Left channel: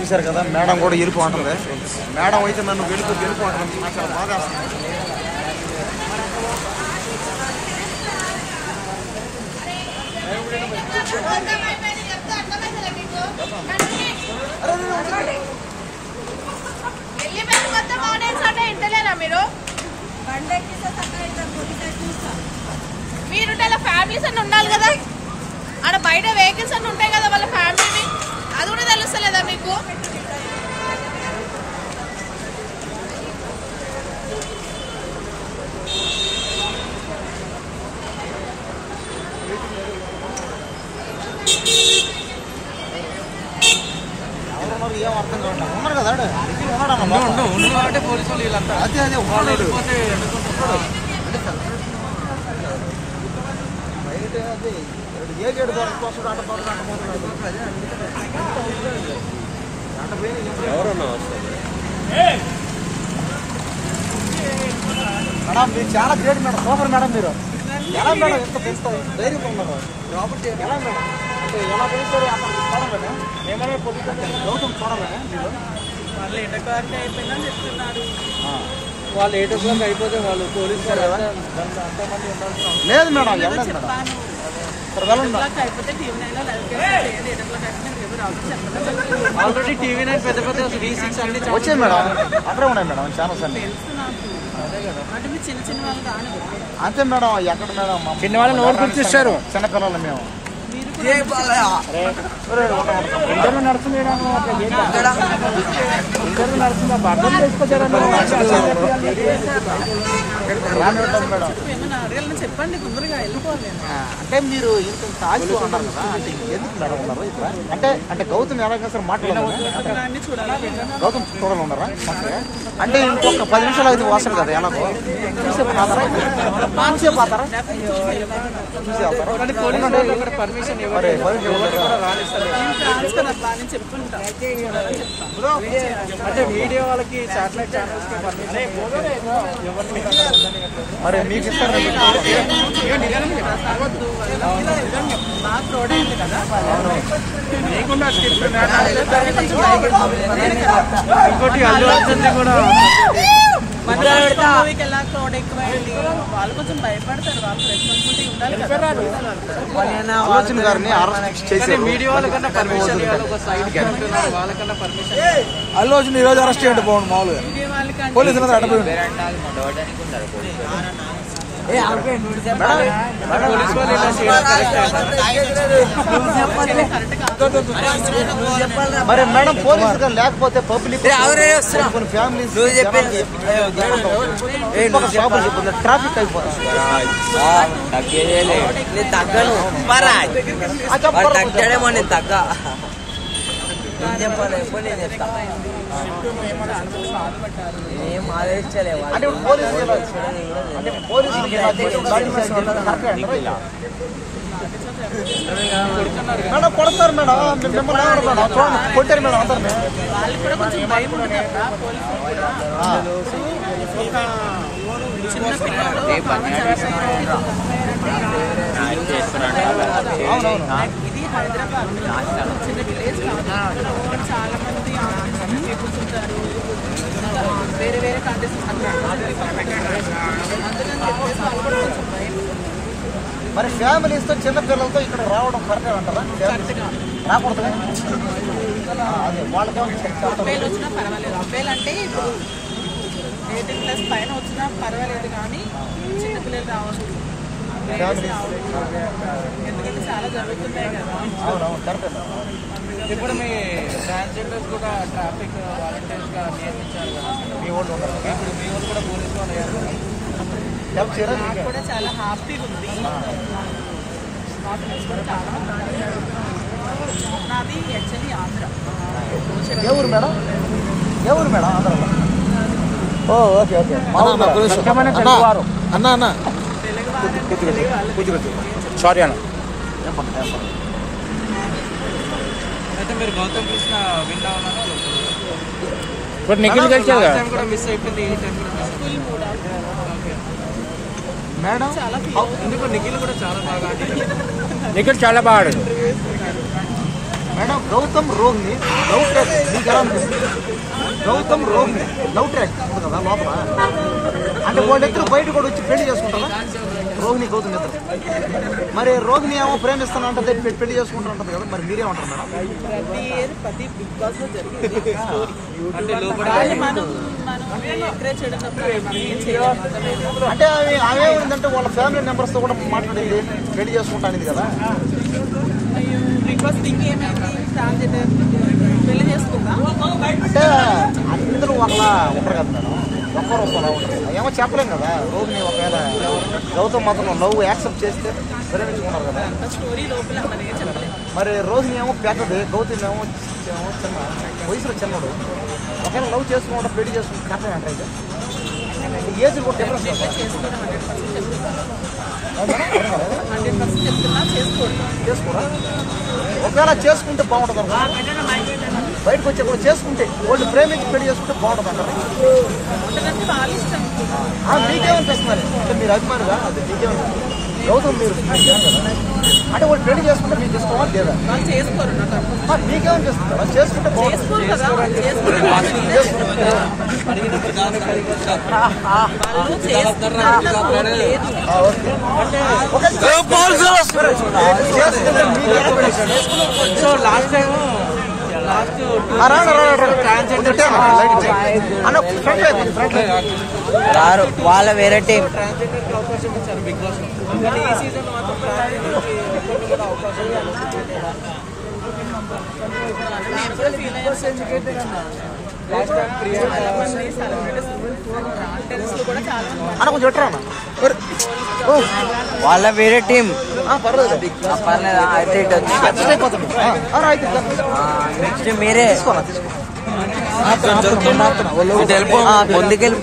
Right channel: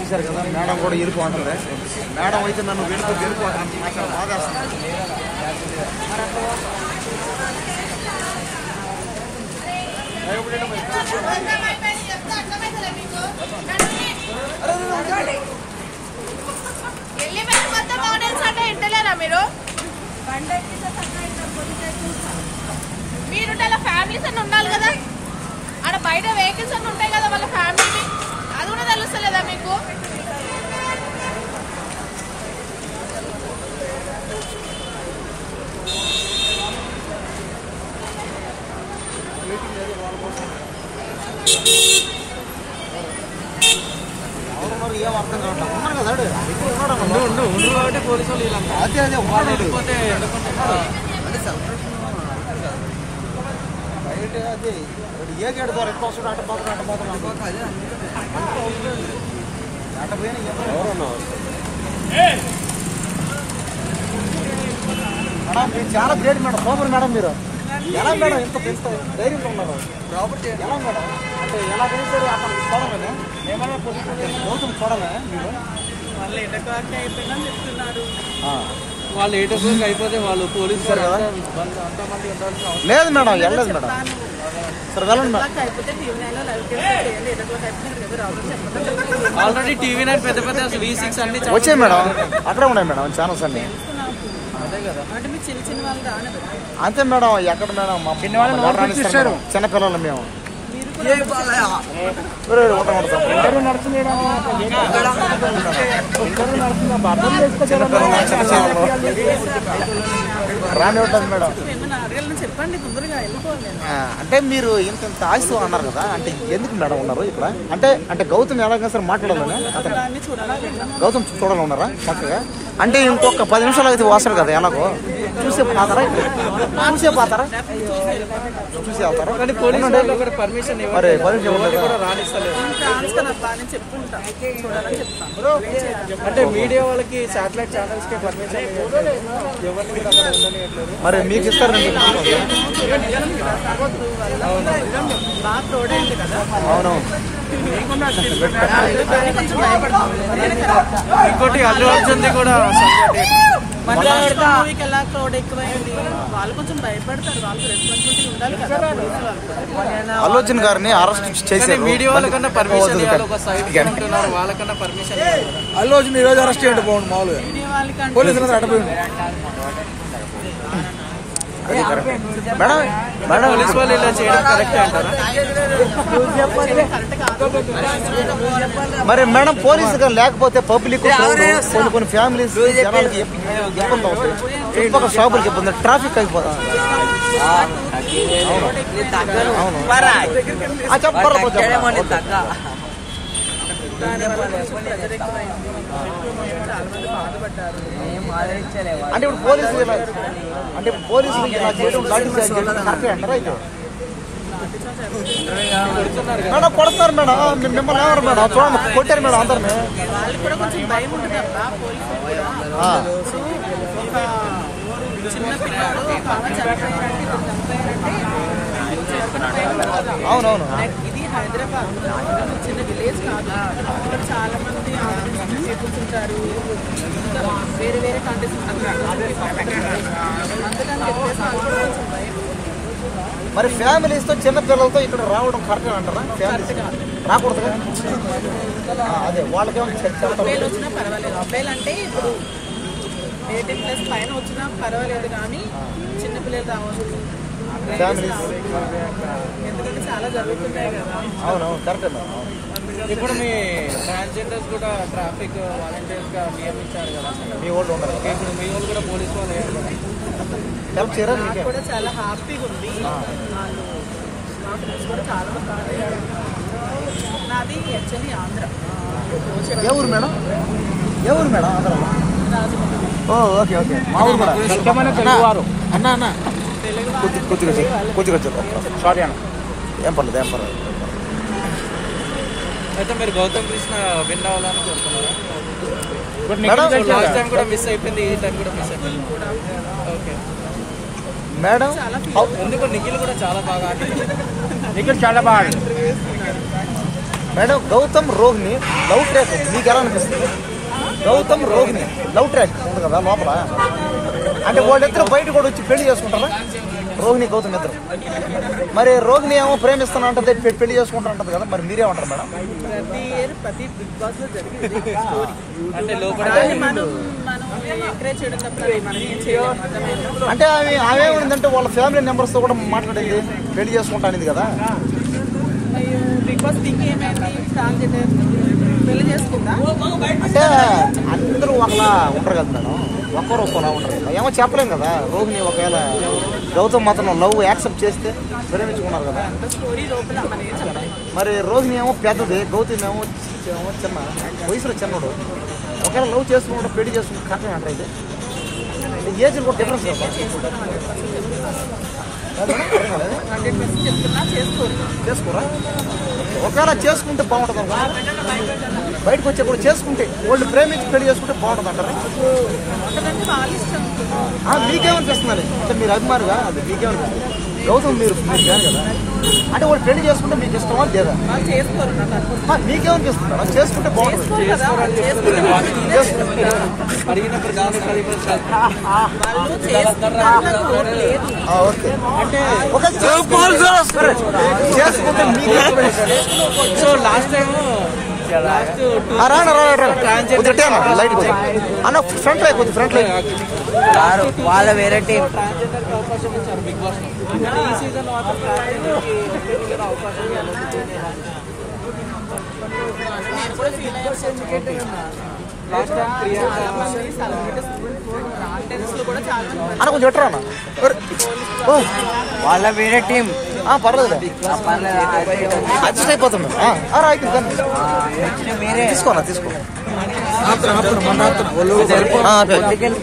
చూశారు కదా, మేడం కూడా వెళ్ళిపోతుంది. మేడం అయితే నన్ను వెళ్ళిపోతాను, నాకు చాలా బాధ వేస్తుంది. మీరు ఫ్యామిలీస్ అన్నీ ఉండాలి కదా, ఆడ బయట వెహికల్స్ అన్నీ ఉంటాయి కదా వాళ్ళ ఫ్యామిలీ, అది కూడా తెలుస్తలేదా మీకు? ఎవరున్నారు ఏం అర్థం కావట్లేదు. ఉన్నారు కదా అంటే పోలీసు వాళ్ళు వీళ్ళంతా అదే ఏ గేడు ద్వారా ఎక్కువ వస్తుంది అటు మేడం మీరు చాలా గ్రేట్ మేడం, సూపర్ మేడం. మీరు ఎలా మేడం ఇంత పెంచుతారు, ధైర్యంగా ఉన్నారు ఎలా మేడం? అంటే ఎలా పెంచారు అతను చూడగానే ఏమైనా గౌతమ్ చూడగా మీరు వాళ్ళు 8 o'clock అయిపోయిందని చెప్తున్నారు. వాళ్ళు 8 o'clock అయిపోతే వాళ్ళు పోలీసు లేదు మేడం, వెళ్ళలేదు మేడం. అయిపోతే టీవీ 9 లో లైవ్ చేయండి. 8 o'clock అయిపోతే ఎవరు రావడం చెప్పండి. ఆల్రెడీ టీవీ 9 పెద్ద పెద్ద V6 అన్ని వచ్చాయి మేడం, అక్కడే ఉన్నాయి మేడం ఛానల్స్ అన్ని. తెలుసు నాకు. అంటే మీరు చిన్న వాళ్ళు రాను అంతే మేడం. ఎక్కడ మేడం మా చిన్న వాళ్ళు నోరు పిలిచిస్తారు, చిన్నపిల్లలు మేము. మీరు కూడా నడుస్తుంది అర్థం చేసుకొచ్చారా ఏమైనా అడగాలని చెప్పండి, తొందరగా వెళ్ళిపోవాలి నేను. అంటే మీరు ఇంత ఆశతో అన్నారు కదా, అంటే ఎందుకు మేడం ఉన్నారు ఇట్లా? అంటే గౌతమ్ ఎలాగ సార్ మాట్లాడాలి, చూడాలి గౌతమ్ చూడాలి ఉన్నారా చక్కగా? అంటే ఇంకొక 10 నిమిషాలు అయితే వస్తారు కదా, ఎలాగో చూసే పోతారా? చూసే వెళ్తారా? పర్మిషన్ చెప్పుకుంటా చూడాలని చెప్తాను. అంటే మీడియా వాళ్ళకి శాటిలైట్ ఛానల్స్ కి పర్మిషన్ మరి మీకు ఇస్తారు బాగా ఫ్రాడ్ అయింది కదా, కొంచెం మూవీకి ఎలా క్రౌడ్ ఎక్కువైంది, వాళ్ళు కొంచెం భయపడతారు. వాళ్ళకి రెస్పాన్సిబిలిటీ ఉండాలి కదా, పోలీసు వాళ్ళు కూడా. అల్లు అర్జున్ గారిని అరెస్ట్ చేశారు. మీడియా వాళ్ళకన్నా పర్మిషన్ వాళ్ళకన్నా పర్మిషన్. అల్లు అర్జున్ ఈ రోజు అరెస్ట్ చేయండి బాగుంది. మామూలుగా మీడియా వాళ్ళకంటే పోలీసులు అడ్డపోయింది. పోలీసు వాళ్ళు ఇలా చేయడం కరెక్ట్ కాదు. మరి మేడం పోలీసులు లేకపోతే పబ్లిక్ కొన్ని ఫ్యామిలీస్ షాపులు చెప్తుంది, ట్రాఫిక్ అయిపోతుంది. చాలా మంది బాధపడ్డారు. అంటే పోలీసులు కొడతారు మేడం, మిమ్మల్ని మేడం చూడండి కొట్టారు మేడం అందరినీ. వాళ్ళకి కూడా కొంచెం భయం ఉంటుంది అబ్బా, పోలీసులు కూడా. ఒక చిన్న పిల్లోడు ఒక ఆమె చనిపోయారంటే ఇది హైదరాబాద్ చిన్న విలేజ్ కాదు. ఇక్కడ చాలా మంది పీపుల్స్ ఉంటారు, ఇంకా వేరే వేరే కంట్రీస్ ఉంటారు. అందుకని చెప్పేసి వాళ్ళు కూడా కొంచెం భయం. మరి ఫ్యామిలీస్ తో చిన్న పిల్లలతో ఇక్కడ రావడం కరెక్ట్ అంటారా? కరెక్ట్ కాదు, రాకూడదు. అదే వాళ్ళకి అబ్బాయిలు వచ్చినా పర్వాలేదు. అబ్బాయిలు అంటే ఇప్పుడు 18+ పైన వచ్చినా పర్వాలేదు, కానీ చిన్నపిల్లలు రావచ్చు, ఎందుకంటే చాలా జరుగుతున్నాయి కదా. ఇప్పుడు మీ ట్రాన్స్జెండర్స్ కూడా ట్రాఫిక్ వాలంటీర్స్ గా నియమించారు కదా, మీ వాళ్ళు ఇప్పుడు మీ వాళ్ళు కూడా పోలీసు వాళ్ళు అయ్యారు కదా. నాకు కూడా చాలా హ్యాపీగా ఉంది. వాళ్ళు మా ఫ్రెండ్స్ కూడా చాలా మంది ఉన్నారు. నాది యాక్చువల్లీ ఆంధ్ర. ఎవరు మేడం? ఎవరు మేడం? ఆంధ్రలో? Okay okay. అన్న అన్న సారీ అన్న, ఏం పర్లేదు ఏం పర్లేదు. అయితే మీరు గౌతమ్ కృష్ణ విన్ అవ్వాలనుకుంటున్నారు. కూడా మిస్ అయిపోయింది, ఈ టైం కూడా మిస్ అయిపోయింది. ఓకే మేడం, ఎందుకు నిఖిల్ కూడా చాలా బాగా నిఖిల్ చాలా బాగా madam Gautam Rohini love track మీకు ఎలా అనిపిస్తుంది? గౌతమ్ రోహిణి లవ్ ట్రాక్ ఉంటుంది కదా లోపల, అంటే వాళ్ళిద్దరు బయట కూడా వచ్చి పెళ్లి చేసుకుంటారా? రోహిణి గౌతమ్ ఇద్దరు. మరి రోహిణి ఏమో ప్రేమిస్తాను ఉంటుంది, పెళ్లి చేసుకుంటా ఉంటుంది కదా, మరి మీరేమంటారు మేడం? ప్రతి ఇయర్ ప్రతి బిగ్ బాస్ లో జరిగింది స్టోరీ. దాన్ని మనం ఎంకరేజ్ చేయడం తప్ప మనం ఏం చేయలేము. అర్థమైందా? అంటే ఆమె ఏంటంటే వాళ్ళ ఫ్యామిలీ మెంబర్స్ తో కూడా మాట్లాడేది, పెళ్లి చేసుకుంటానిది కదా. అయ్యో బిగ్ బాస్ థింక్ ఏమైంది, ట్రాన్స్జెండర్ పెళ్లి చేసుకుందా? అంటే అందరూ ఒకలా ఉంటారు కదా మేడం, ఒక్కరు ఒక్కలా ఉంటారు. ఏమో చెప్పలేము కదా. రోహిణి ఒకవేళ గౌతమ్ మాత్రం లవ్ యాక్సెప్ట్ చేస్తే ప్రేమించుకున్నారు కదా. అంత స్టోరీ లోపల మనం ఏం చెప్పలేదు. మరి రోహిణి ఏమో పెద్దది, గౌతమ్ ఏమో చిన్న వయసులో చిన్నడు. ఒకవేళ లవ్ చేసుకుంటే పెళ్లి చేసుకుంటే కష్టం అంటే ఏజ్ కూడా డిఫరెన్స్ చేసుకోరు 100% చెప్తున్నాను. 100% చెప్తున్నా చేసుకోరా? ఒకవేళ చేసుకుంటే బాగుంటుంది కదా, బయటకు వచ్చి కూడా చేసుకుంటే వాళ్ళు ప్రేమించి పెళ్లి చేసుకుంటే బాగుంటుంది కదా. బాగుంటుందంటే వాళ్ళ ఇష్టం. మీకేమనిపిస్తున్నారు? అంటే మీరు అభిమానుగా అది మీకేమనిపిస్తుంది? గౌతమ్ మీరు కదా, అంటే వాళ్ళు పెళ్లి చేసుకుంటే మీకు ఇష్టమా లేదా? వాళ్ళు చేసుకోరు. నాకు అర్థం. మీకేమనిపిస్తుంది? వాళ్ళు చేసుకుంటే చేసుకోరు కదా, వాళ్ళు చేసుకుంటే వాళ్ళు చేసుకుంటారు. నాకు ఓటు లేదు. లాస్ట్ టైం వాళ్ళ వేరే టీం ట్రాన్స్జెండర్ కి అవకాశం ఇచ్చారు బిగ్ బాస్ లో, కానీ ఈ సీజన్ మాత్రం ట్రాన్స్జెండర్ అవకాశం నేను కూడా ఫీల్ అయ్యాను. చాలా మంది సెలబ్రిటీస్ కాంటెంట్స్ లో కూడా చాలా మంది వాళ్ళ వేరే టీం పర్లేదు నెక్స్ట్ మీరే తీసుకోరా? తీసుకున్నా ఆపుతున్నా. ముందుకెళ్ళి